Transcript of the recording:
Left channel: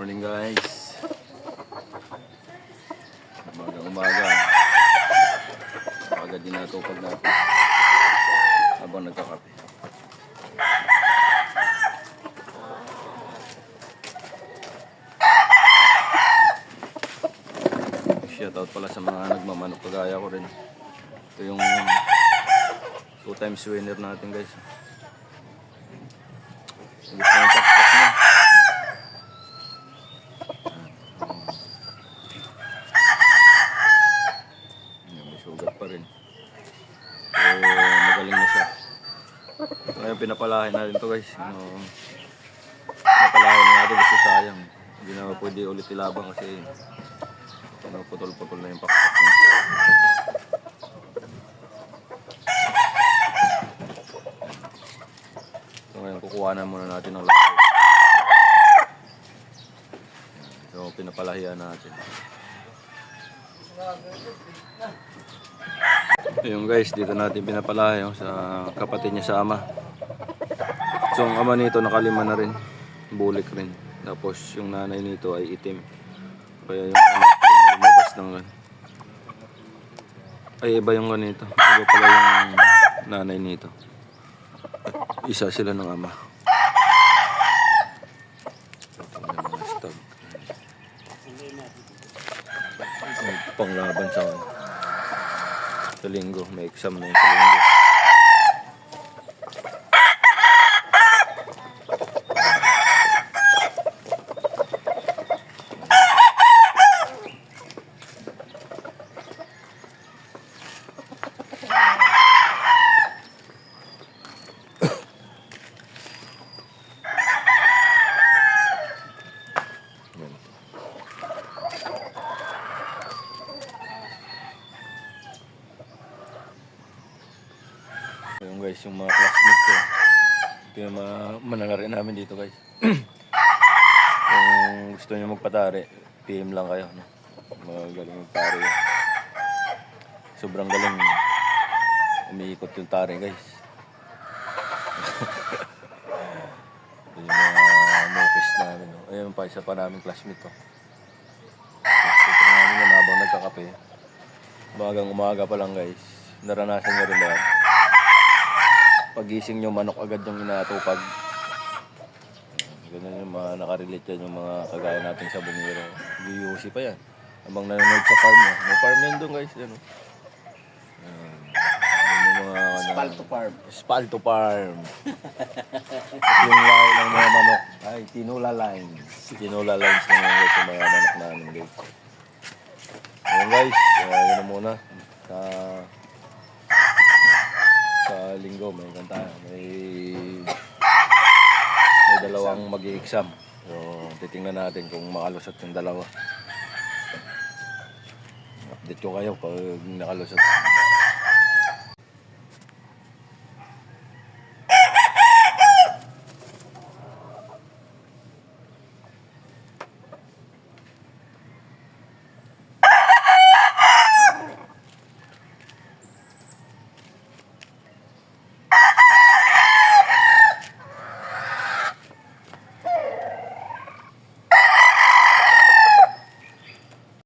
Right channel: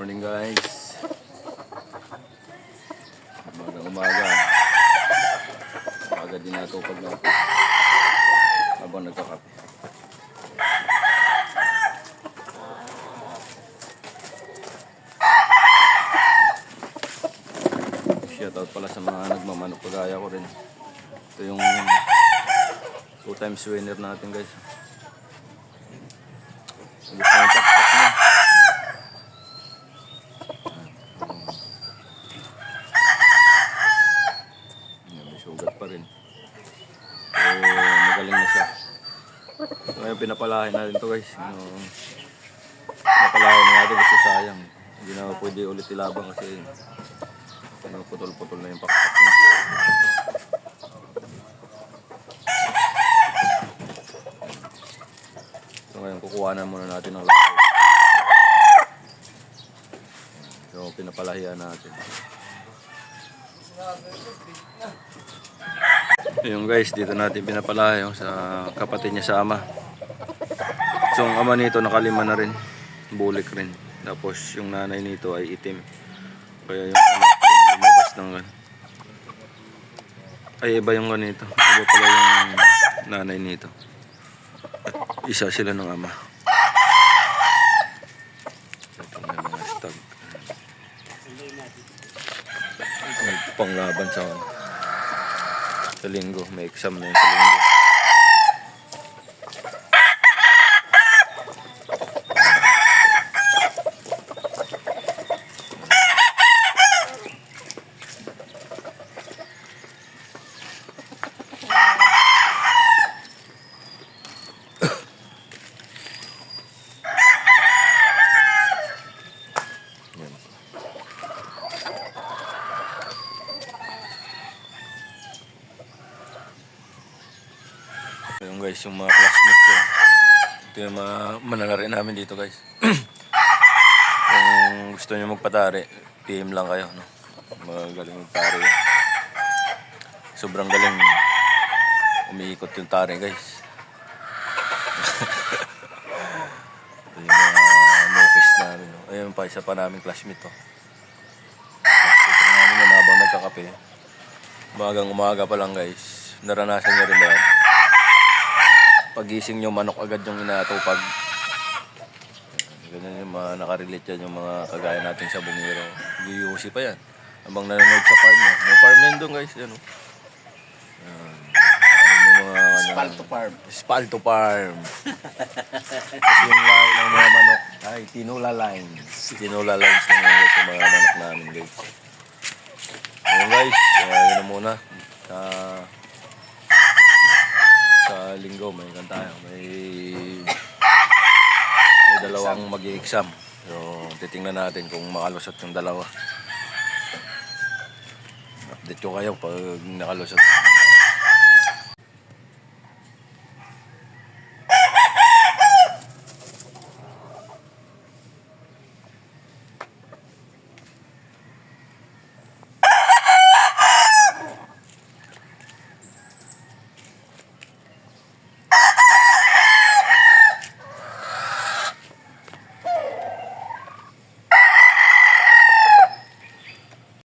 Morning guys. Umaga. Agad din natupag natin habang nagkakape. Shoutout pala sa mga nagmamanok kagaya ko rin. Ito yung 2 times winner natin guys. Gusto yung tak-tak niya. May sugat pa rin. Magaling na siya. Ito ngayon pinapalahin natin to guys. Pinapalahin natin kasi sayang. Hindi na pwede ulit ilabang kasi putol-putol na yung pakpak niya. So ngayon kukuha na muna natin ng lahat. So pinapalahian natin. Yung guys, dito natin pinapalahi sa kapatid niya sa ama. So ang ama nito nakalima na rin, bulik rin. Tapos yung nanay nito ay itim. Kaya yung anak lumabas ng ay iba yung ganito. Iba pala yung nanay nito. At isa sila ng ama. Ito na yung mga stag. May panglaban sa linggo. May exam na yun sa linggo. Yan. Yung guys, yung mga classmates ko. Ito yung mga mananari namin dito guys. Kung gusto nyo magpatari, PM lang kayo, no? Magaling magtari. Sobrang galing umiikot yung tari guys. Ito yung mga mokis namin, no? Ayun pa, isa pa namin classmate to. Ito namin yan habang nagkakape. Umaga pa lang guys. Naranasan nyo rin ba yan? Pagising nyo, manok agad yung inatupag. Ganyan yung mga nakarelate yan, yung mga kagaya natin sa Bungiro. UUC pa yan. Habang nanonood sa farm niya. May farm yan doon guys. Yan, yung mga Spalto farm. Kasi yung line ng mga manok ay Tinola lines. Tinola lines na mga guys yung mga manok namin guys. Ayun guys, yun na muna. Sa linggo may tayo. May dalawang mag-i-exam. So titingnan natin kung makalusot yung dalawa. Update ko kayo pag nakalusot.